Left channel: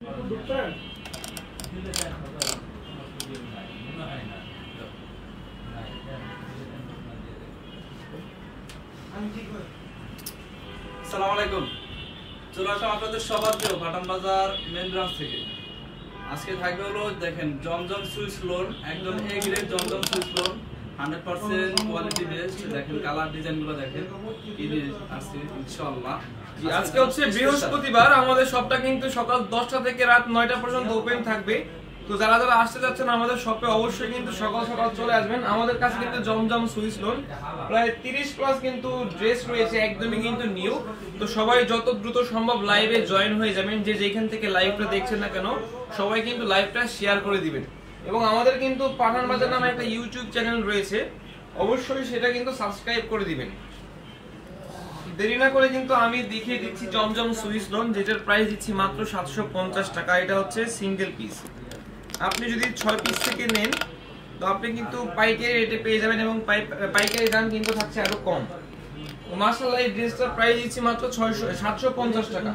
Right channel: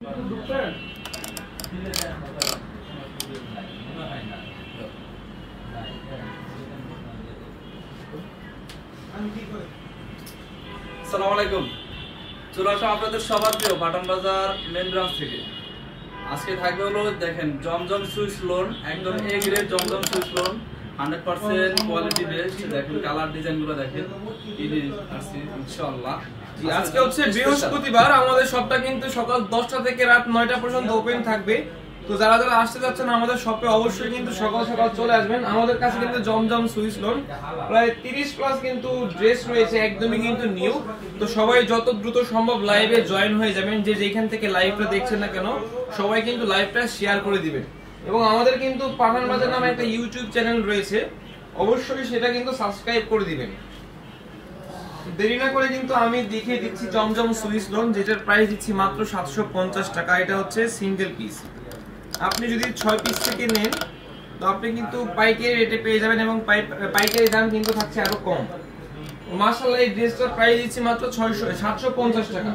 আসসালামু চলে আসলাম আপনাদের সবার প্রিয় পাঠান বাজার মেন ব্রাঞ্চ থেকে। আজকে থাকবে হলো দেখেন জমজম সুইস লোন, একদম A grade Zamzam Swiss loan, 100% quality best. দেখেন কালার ডিজাইন গুলো দেখেন, ইনশাআল্লাহ। আজকে হচ্ছে বৃহস্পতিবার, আমাদের শপটা কিন্তু সকাল 10টা থেকে রাত 9টা পর্যন্ত ওপেন থাকবে। তো যারা যারা আসতে যাচ্ছেন আমাদের শপে অবশ্যই কিন্তু সকাল সকাল চলে আসবেন। আমাদের কাছে কিন্তু জমজম সুইস লোন প্রায় 30+ কিন্তু ড্রেস রয়েছে, একদমই কিন্তু নিউ। তো সবাই যত দ্রুত সম্ভব লাইভে জয়েন হয়ে যাবেন। যে যেখান থেকে লাইভটা দেখছেন না কেন সবাই কিন্তু লাইভটা শেয়ার করে দিবেন। এবং আমাদের কিন্তু পাঠান বাজার নামে একটা ইউটিউব চ্যানেল রয়েছে, অবশ্যই সেটা কিন্তু সাবস্ক্রাইব করে দিবেন। দেরি না করে কিন্তু আমি দেখিয়ে দিচ্ছি জমজম সুইস লোন, যেটার প্রাইস দিচ্ছি মাত্র 750 টাকা। এটা হচ্ছে সিঙ্গেল পিস। আপনি যদি 6 পিস থেকে নেন তো আপনি কিন্তু পাইকারি রেটে পেয়ে যাবেন, এবং পাইকারি দাম কিন্তু থাকছে আরো কম। মাশাআল্লাহ, এই ড্রেসটার প্রাইস দিচ্ছি মাত্র 750 টাকা,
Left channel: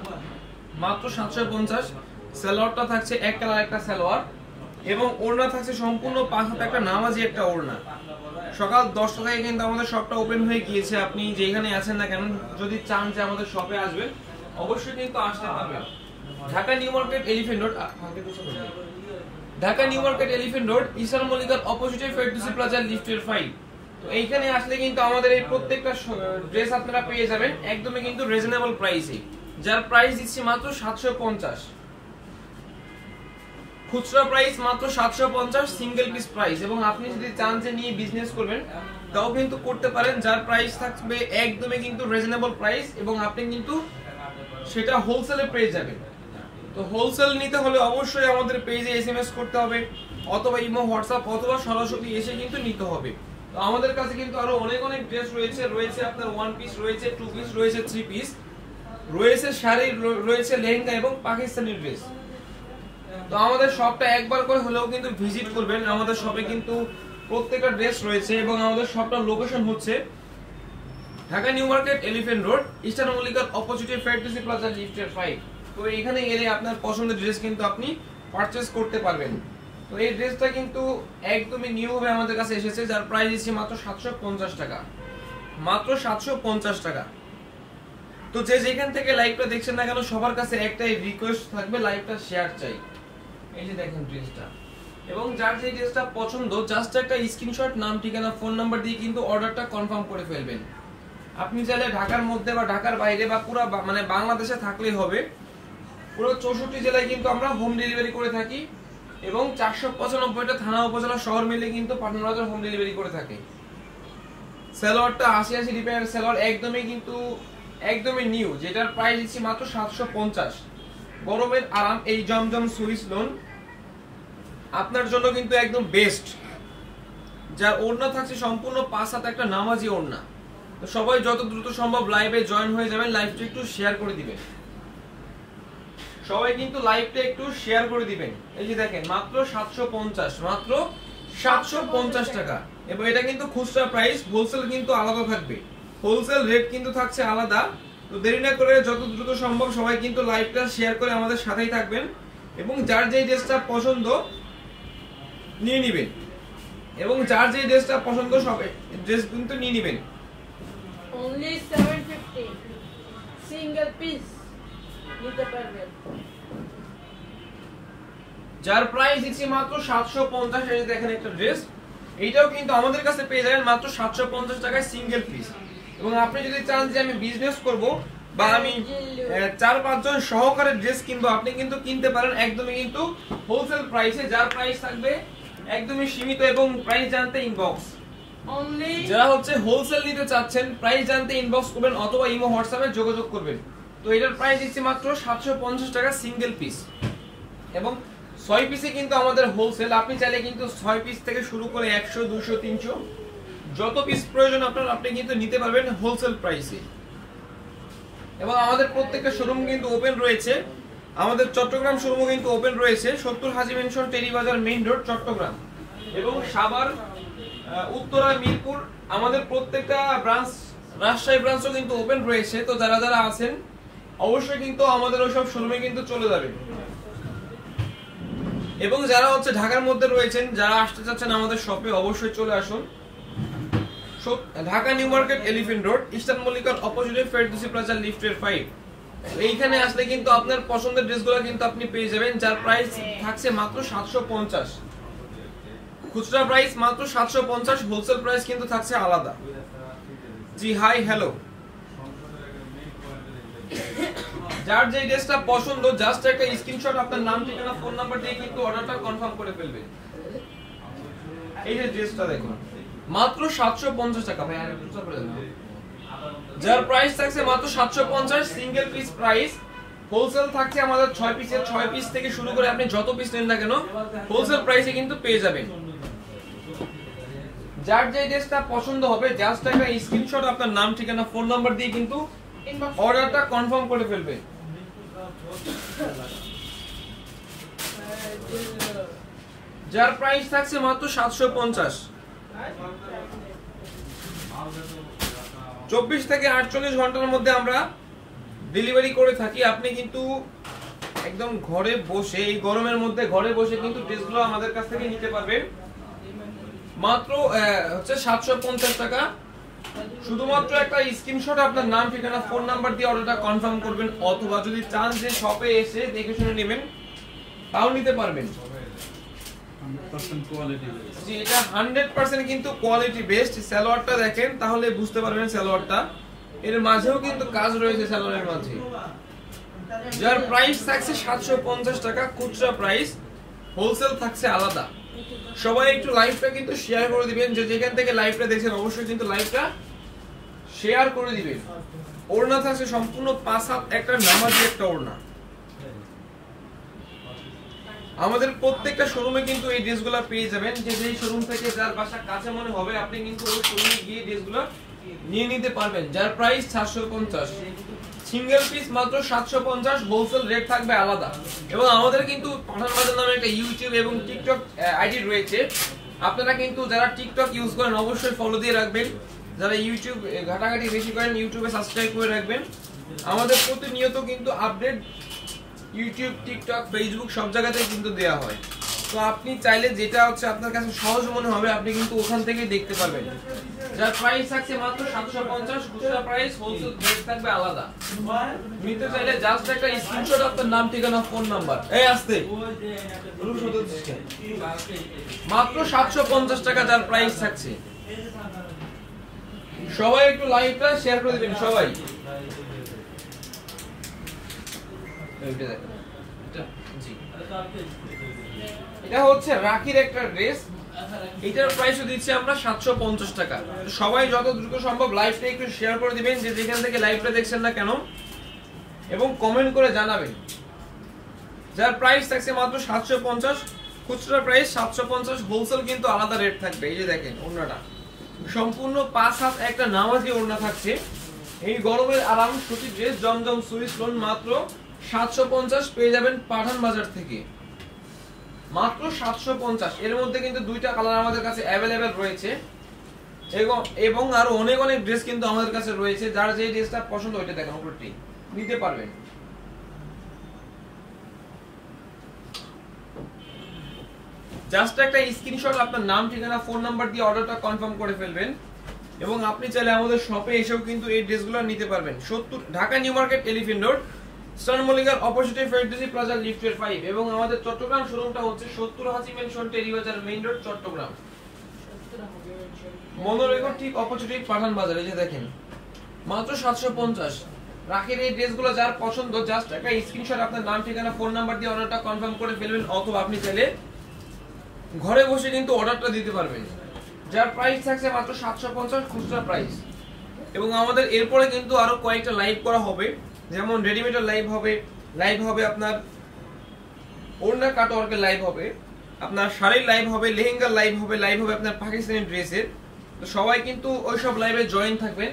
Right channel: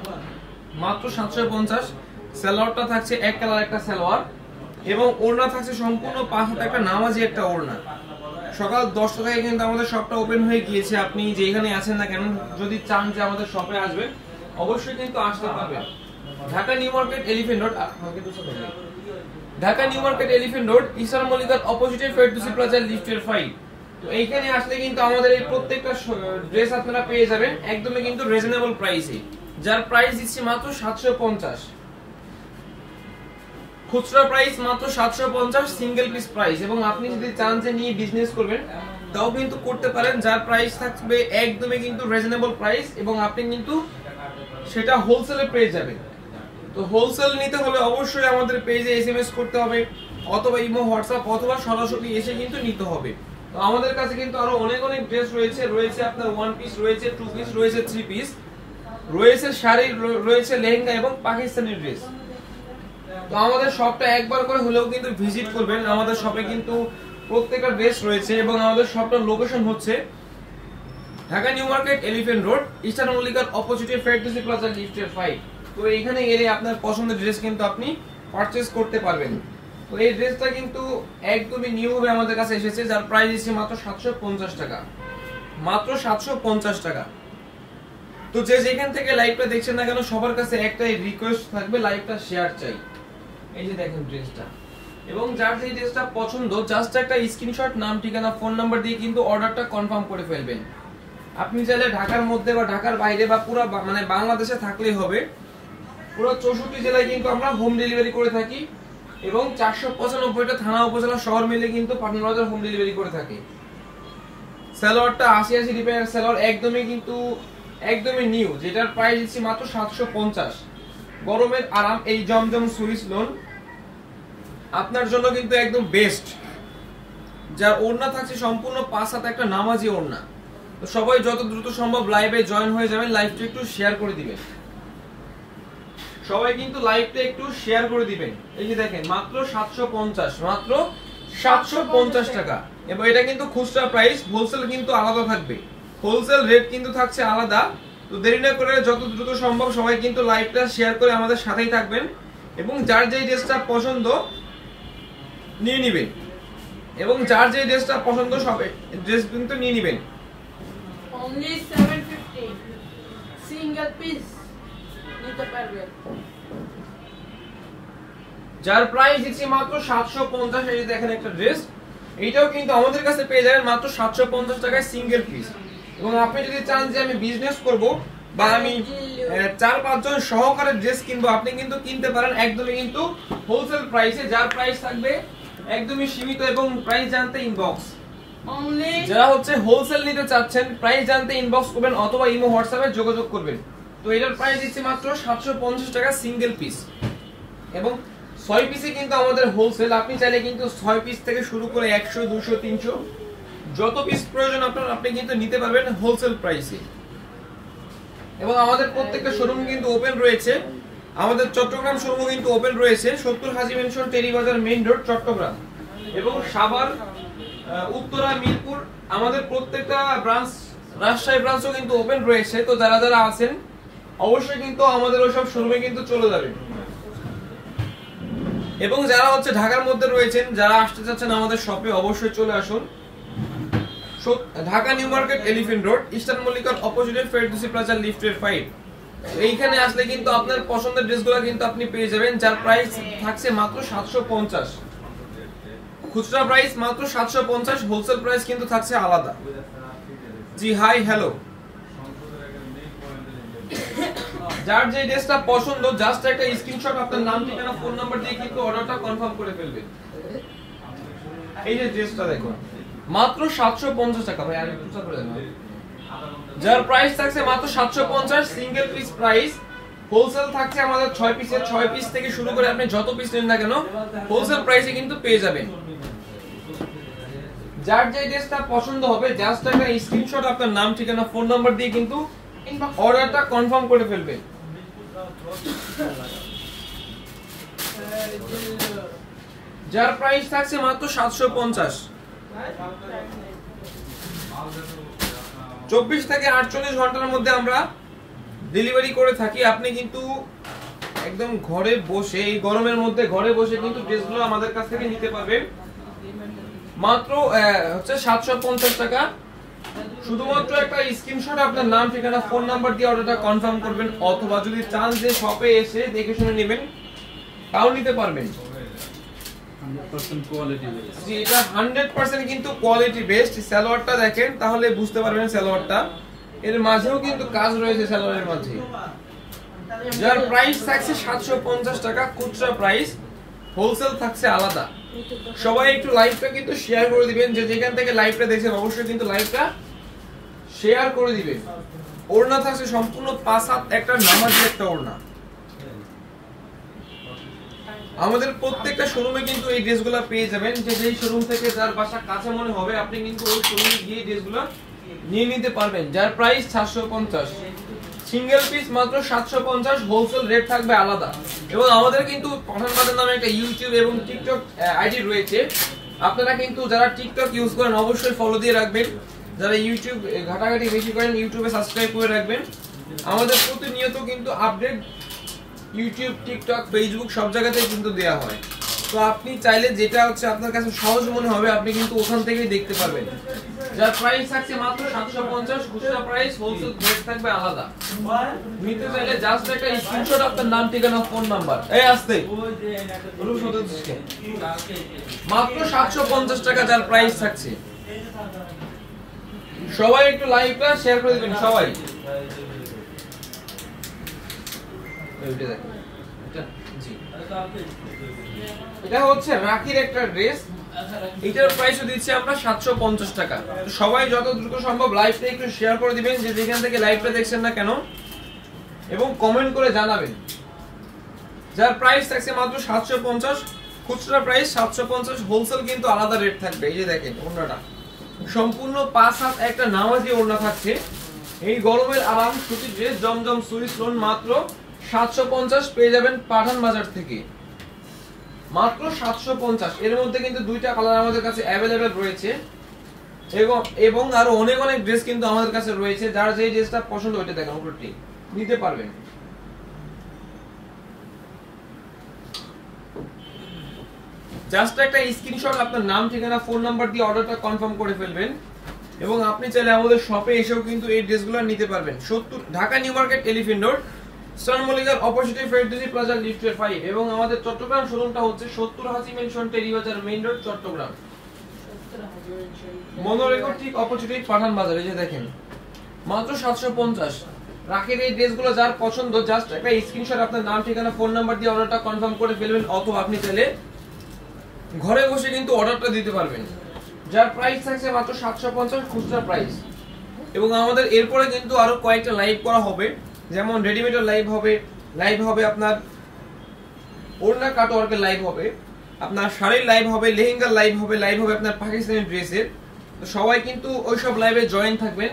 মাত্র 750। সালোয়ারটা থাকছে এক কালার একটা সালোয়ার, এবং ওড়না থাকছে সম্পূর্ণ 5 হাতে একটা নামাজি একটা ওড়না। সকাল 10টা থেকে কিন্তু আমাদের শপটা ওপেন হয়ে গিয়েছে। আপনি যেখানে আছেন না কেন যদি চান যে আমাদের শপে আসবেন অবশ্যই কিন্তু আসতে পারবেন। Dhaka new market elephant road, Dhaka new market elephant road, eastern মল্লিকার অপোজিটে ফেরদৌসি প্লাজা লিফটের 5। তো এইখানে আসলে কিন্তু আমাদের এই প্রত্যেকটা ড্রেস আপনারা পেয়ে যাবেন একদমই কিন্তু রিজনেবল প্রাইসে, যার প্রাইস দিচ্ছি মাত্র 750। খুচরা প্রাইস মাত্র 750 সিঙ্গেল পিস প্রাইস। এবং আপনি যদি চান যে নিয়ে বিজনেস করবেন তাও কিন্তু করতে পারেন, যার প্রাইস থাকবে একদমই কিন্তু রিজনেবল প্রাইস, এবং আপনি কিন্তু সেটা হোলসেলে পেয়ে যাবেন। তো হোলসেল নিতে হলে অবশ্যই আমাদের পেজে এসএমএস করতে হবে, অথবা ইমো হোয়াটসঅ্যাপ, অথবা সরাসরি এসে কিন্তু নিতে হবে। তো আমাদের কাছে কিন্তু আরো অনেক অনেক ড্রেস রয়েছে আপনার 1 পিস রয়েছে, 2 পিস রয়েছে, 3 পিস রয়েছে, শাড়ি রয়েছে, লেহেঙ্গা এবং পাকিস্তানি ড্রেস। তো আমাদের শপটা একবার করে হলেও কিন্তু ভিজিট করবেন। আমাদের শপে কিন্তু প্রত্যেকটা ড্রেস রয়েছে, এবং আমাদের শপটার লোকেশন হচ্ছে Dhaka new market elephant road, eastern মল্লিকার অপোজিটে ফেরদৌসি প্লাজা লিফটের 5। তো এইখানে এলে আপনার পছন্দের ড্রেস কিন্তু আপনি পারচেজ করতে পারবেন। তো এই ড্রেসটা কিন্তু একদমই নিউ ভাবে আমাদের কাছে এসেছে, যার প্রাইস হচ্ছে মাত্র 750 টাকা, মাত্র 750 টাকা। তো যে যেখান থেকে লাইভটা দেখছেন না কেন সবার কাছে একটাই রিকোয়েস্ট থাকবে, লাইভটা শেয়ার চাই। এই যে দেখেন ড্রেসটা, এবং যার যে ড্রেসটা পছন্দ জাস্ট একটা স্ক্রিনশট, নাম, ঠিকানা, ফোন নাম্বার দিয়ে কিন্তু অর্ডারটা কনফার্ম করে ফেলবেন। আপনি চাইলে ঢাকার মধ্যে বা ঢাকার বাইরে বা পুরো মানে বাংলাদেশে থাকলেই হবে। পুরো 64 জেলায় কিন্তু আমরা হোম ডেলিভারি করে থাকি, এবং 495টা থানা উপজেলা শহর মিলে কিন্তু পাঠান বাজার হোম ডেলিভারি করে থাকে। সালোয়ারটা 80 রিপেয়ার সালোয়ার, একদমই নিউ, যেটার প্রাইস দিচ্ছি মাত্র 750। গরমের আরাম, এই জমজম সুইস লোন আপনার জন্য কিন্তু একদম বেস্ট, যার ওড়না থাকছে সম্পূর্ণ 5 হাতে একটা নামাজি ওড়না। তো সবাই যত দ্রুত সম্ভব লাইভে জয়েন হয়ে যাবেন, লাইভটা একটু শেয়ার করে দিবেন, সবাই কিন্তু লাইভটা একটু শেয়ার করে দিবেন। এই যে দেখেন মাত্র 750, মাত্র 750 টাকা। এবং এটা কিন্তু খুচরা প্রাইস, হোলসেল কিন্তু আলাদা থাকবে, হোলসেল রেট কিন্তু থাকছে আলাদা। তো দেরি না করে যত দ্রুত সম্ভব সবাই কিন্তু লাইভটা শেয়ার করে আমাদের সাথেই থাকবেন, এবং যার যেই ড্রেসটা পছন্দ নিয়ে নেবেন, এবং যার যেই ড্রেসটা পছন্দ সবাই ড্রেস কিন্তু নিয়ে নেবেন। only 750 সিঙ্গেল পিস নিতে পারবেন, যার প্রাইস দিচ্ছি মাত্র 750। এই যে দেখেন একটা ড্রেস, এইটাও কিন্তু আমাদের কাছে পেয়ে যাবেন মাত্র 750 টাকায় সিঙ্গেল পিস। এবং আপনি যদি চান যে আমি বিজনেস করব বা আমি 4-5 জন সহকারে ড্রেস কিনবো, আপনি কিন্তু কিনতে পারেন একদমই কিন্তু হোলসেল প্রাইসে, যার প্রাইস থাকবে একদমই সীমিত। এবং প্রাইস জানতে ইনবক্স, যারা হচ্ছে হোলসেল নিতে চাচ্ছেন প্রাইস জানতে ইনবক্স করবেন, অথবা ইমো হোয়াটসঅ্যাপে যোগাযোগ করবেন। তো এটার প্রাইস দিচ্ছি মাত্র 750 টাকা সিঙ্গেল পিস, এবং 6 পিসে কিন্তু আমাদের হোলসেল। আপনি চাইলে কিন্তু 6 পিস থেকে শুরু করে 100, 200, 300 যত পিস প্রয়োজন আপনার আপনি কিন্তু নিতে পারবেন হোলসেল প্রাইসে। এবং আমাদের প্রত্যেকটা শোরুম কিন্তু ওপেন রয়েছে, আমাদের চট্টগ্রাম শোরুম কিন্তু ওপেন রয়েছে 70 Haji mansion, Teribazar main road, Chattogram. এবং সাভার, উত্তরা, মিরপুর আমাদের প্রত্যেকটা ব্রাঞ্চ, রাজশাহী ব্রাঞ্চও কিন্তু ওপেন রয়েছে। তো যারা যারা আছেন অবশ্যই কিন্তু আমাদের ওইসব শোরুমে কিন্তু চলে যাবেন। এবং যারা হচ্ছে ঢাকার মধ্যে রয়েছেন, যারা আসতে চাচ্ছেন আমাদের শপে, অবশ্যই চলে আসুন। Dhaka new market, elephant road, eastern মল্লিকার অপোজিটে ফেরদৌসী প্লাজা, লিফটের 5। এইখানে আসলে কিন্তু আপনার পছন্দের ড্রেসগুলো কিন্তু আপনি পেয়ে যাবেন, যার প্রাইস থাকছে মাত্র 750। খুচরা প্রাইস মাত্র 750, হোলসেল প্রাইস কিন্তু থাকছে আলাদা। জি হাই হ্যালো, যার যে ড্রেসটা পছন্দ জাস্ট একটা স্ক্রিনশট আপনার নাম, ঠিকানা, ফোন নাম্বার দিয়ে কিন্তু অর্ডারটা কনফার্ম করে ফেলবেন। এই যে ড্রেসটা দেখুন মাত্র 750 টাকা ভাই, আর একটু করে দেন। যার প্রাইস থাকছে মাত্র 750, সিঙ্গেল পিস প্রাইস। হোলসেল থাকছে আমাদের 6 পিসের, 6 পিস থেকে শুরু করে আপনি যত পিস নেন না কেন হোলসেল প্রাইসে কিন্তু পেয়ে যাবেন। যার যে ড্রেসটা পছন্দ হবে জাস্ট একটা স্ক্রিনশট আপনার নাম, ঠিকানা, ফোন নাম্বার দিয়ে কিন্তু অর্ডারটা কনফার্ম করে ফেলবেন। যার প্রাইস থাকছে মাত্র 750। 24 থেকে 48 ঘন্টার মধ্যে আমরা ডেলিভারি করে থাকি। আপনি কিন্তু একদম ঘরে বসে, এই গরমের মধ্যে ঘরে বসে কিন্তু ড্রেসগুলো আমাদের কাছ থেকে নিতে পারবেন মাত্র হচ্ছে 750 টাকা। শুধুমাত্র একটা স্ক্রিনশট আপনার নাম, ঠিকানা, ফোন নাম্বার দিয়ে অর্ডারটা কনফার্ম করবেন, অথবা যদি চান যে শপে এসে দেখে শুনে নেবেন তাও নিতে পারবেন। 100% কোয়ালিটি বেস। জি, এটা 100% কিন্তু কোয়ালিটি বেস্ট। সালোয়ারটা দেখেন তাহলে বুঝতে পারবেন সালোয়ারটা, এর মাঝেও কিন্তু কাজ রয়েছে সালোয়ারের মাঝে। যার প্রাইস থাকছে 750 টাকা খুচরা প্রাইস, হোলসেল থাকছে আলাদা। সবাই একটু লাইভটা কিন্তু শেয়ার করে দিবেন, যে যেখান থেকে লাইভটা দেখছেন অবশ্যই কিন্তু লাইভটা শেয়ার করে দিবেন। ওড়না থাকছে সম্পূর্ণ 5 হাত একটা নামাজি একটা ওড়না। আমাদের প্রত্যেকটা শোরুমে কিন্তু এই ড্রেসগুলো পেয়ে যাবেন, যে যেই শোরুম থেকে যার বাসা কাছে মনে হবে আপনি কিন্তু ওই শোরুমে গিয়ে ড্রেসগুলো নিয়ে নিতে পারবেন। যার প্রাইস 750, সিঙ্গেল পিস মাত্র 750, হোলসেল রেট থাকবে আলাদা। এবং আমাদের কিন্তু পাঠান বাজার নামে একটা ইউটিউব এবং টিকটক আইডি রয়েছে, আপনারা কিন্তু যারা টিকটক ইউজ করেন অবশ্যই ফলো দিয়ে রাখবেন। যারা ইউটিউব ঘাটাঘাটি বেশি করেন ইউটিউবে সাবস্ক্রাইব করে রাখবেন। আমাদের প্রতিনিয়ত কিন্তু আপডেট ইউটিউব, টিকটক, ফেসবুক সব জায়গাতেই কিন্তু দেয়া হয়। তো আপনি চাইলে যেটা হচ্ছে আপনার কাছে সহজ মনে হবে আপনি কিন্তু ওখান থেকেই দেখতে পারবেন। যার প্রাইস থাকছে মাত্র 750, খুচরা প্রাইস, হোলসেল রেট থাকবে আলাদা। নিতে চাইলে জাস্ট একটা স্ক্রিনশট আপনার নাম, ঠিকানা, ফোন নাম্বার, এই আসতে মাত্র 750 টাকা যার প্রাইস থাকছে। সবাই একটু লাইভটা শেয়ার করে দিবেন সবাই। এটা হচ্ছে রাখির একটা ড্রেস, এটার প্রাইস দিচ্ছি আমরা 750 টাকা। সবাই যত দ্রুত সম্ভব লাইভটা একটু শেয়ার করে দিবেন, যে যেখান থেকে লাইভটা দেখছেন না কেন, এবং কমেন্ট করে জানাবেন। যার প্রাইস থাকছে মাত্র 750, খুচরা প্রাইস 750, হোলসেল কিন্তু আলাদা রেট থাকবে। এই যে দেখেন ওড়নাটা সম্পূর্ণ 5 হাত একটা নামাজি ওড়না থাকছে। এই গরমের আরাম সুতি ড্রেস, জমজম সুইস লোন মাত্র 750 পেয়ে যাবেন পাঠান বাজার থেকে, মাত্র 750। এর মধ্যে কিন্তু দুইটা কালার আমাদের কাছে অ্যাভেলেবেল রয়েছে, এবং আরো অনেক অনেক ড্রেস কিন্তু আমাদের কাছে রয়েছে। যার যেই ড্রেসটা পছন্দ ওইটা দেখেন উপরটি নিতে পারবেন। জাস্ট একটা স্ক্রিনশট আপনার নাম, ঠিকানা, ফোন নাম্বার দিয়ে অর্ডারটা কনফার্ম করে ফেলবেন। এবং আপনি চাইলে আমাদের শপে এসেও কিন্তু এই ড্রেসগুলো নিতে পারবেন। 70 Dhaka new market, elephant road, eastern মল্লিকার অপোজিটে ফেরদৌসী প্লাজা, লিফটের 5। এবং আমাদের চট্টগ্রাম শোরুমটা হচ্ছে 70 Haji mansion, Teribazar main road, Chattogram. মনোরেগর ঠিক অপোজিটে পাঠান বাজার। এই যে দেখেন মাত্র 750। রাখের এই ড্রেসগুলো যার পছন্দ জাস্ট একটা স্ক্রিনশট আপনার নাম, ঠিকানা, ফোন নাম্বার দিয়ে অর্ডারটা কনফার্ম করে ফেলবেন, অথবা আপনি চাইলে ঘরে বসে কিন্তু অর্ডারটা দিতে পারবেন। যার প্রাইস থাকছে মাত্র 750, খুচরা প্রাইস। এবং আমাদের এরপরে কিন্তু আরো কয়েকটা লাইভ করা হবে, যেমন রেডিমেডের লাইভ হবে আপনার ওড়না কাটওয়ার্কের লাইভ হবে, আপনার শাড়ির লাইভ হবে, লেহেঙ্গার লাইভ হবে আপনার পাকিস্তানি ড্রেসের। তো সবাই কিন্তু ওইসব লাইভে জয়েন থাকবেন।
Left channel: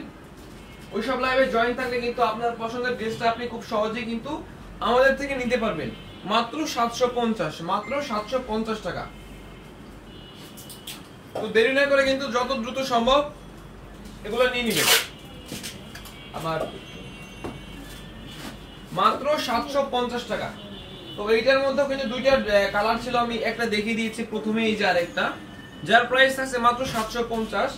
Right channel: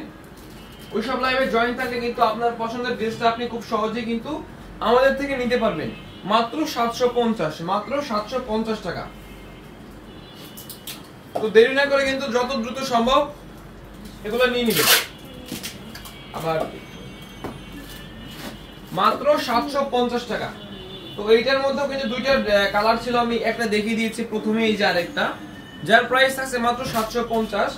ওইসব লাইভে জয়েন থাকলে কিন্তু আপনার পছন্দের ড্রেসটা আপনি খুব সহজেই কিন্তু আমাদের থেকে নিতে পারবেন, মাত্র 750, মাত্র 750 টাকা। তো দেরি না করে কিন্তু যত দ্রুত সম্ভব এগুলো নিয়ে নেবেন। আবার মাত্র 750 টাকা, তো এইটার মধ্যে কিন্তু দুইটা কালার ছিল, আমি একটা দেখিয়ে দিয়েছি প্রথমে, এই যে আরেকটা, যার প্রাইস থাকছে মাত্র 750।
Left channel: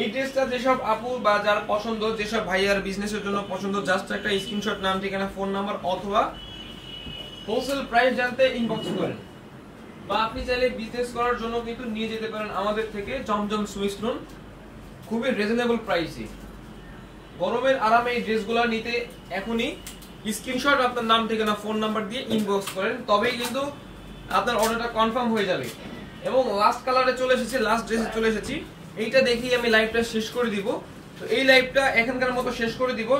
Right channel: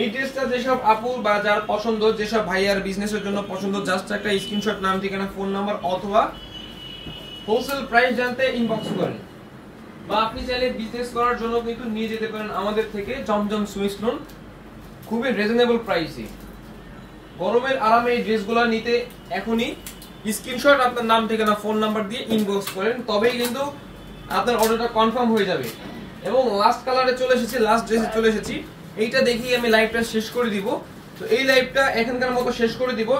এই ড্রেসটা যেসব আপু বা যার পছন্দ, যেসব ভাইয়ার বিজনেসের জন্য পছন্দ, জাস্ট একটা স্ক্রিনশট, নাম, ঠিকানা, ফোন নাম্বার অথবা হোলসেল প্রাইস জানতে ইনবক্স করেন। বা আপনি চাইলে বিজনেস করার জন্য কিন্তু নিয়ে যেতে পারেন আমাদের থেকে জমজম সুইস লোন, খুবই রিজনেবল প্রাইসে। গরমের আরামে এই ড্রেসগুলো নিতে এখনই স্ক্রিনশট, আপনার নাম, ঠিকানা, ফোন নাম্বার দিয়ে ইনবক্স করেন, তবেই কিন্তু আপনার অর্ডারটা কনফার্ম হয়ে যাবে। এবং লাস্ট কালারে চলে এসেছি, লাস্ট ড্রেসে চলে এসেছি। এইটা দেখেই আমি লাইভটা শেষ করে দিব। তো এই লাইভটা এখানকার মতো শেষ করে দিব।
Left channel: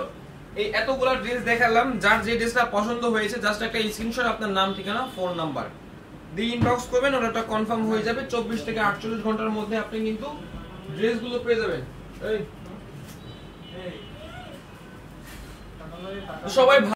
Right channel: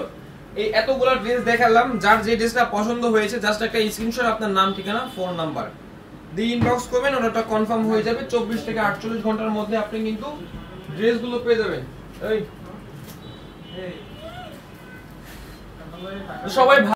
এই এতগুলো ড্রেস দেখালাম, যার যে ড্রেসটা পছন্দ হয়েছে জাস্ট একটা স্ক্রিনশট, আপনার নাম, ঠিকানা, ফোন নাম্বার দিয়ে ইনবক্স করবেন, অর্ডারটা কনফার্ম হয়ে যাবে। 24 থেকে 48 ঘন্টার মধ্যে আপনি কিন্তু ড্রেসগুলো পেয়ে যাবেন। সবাই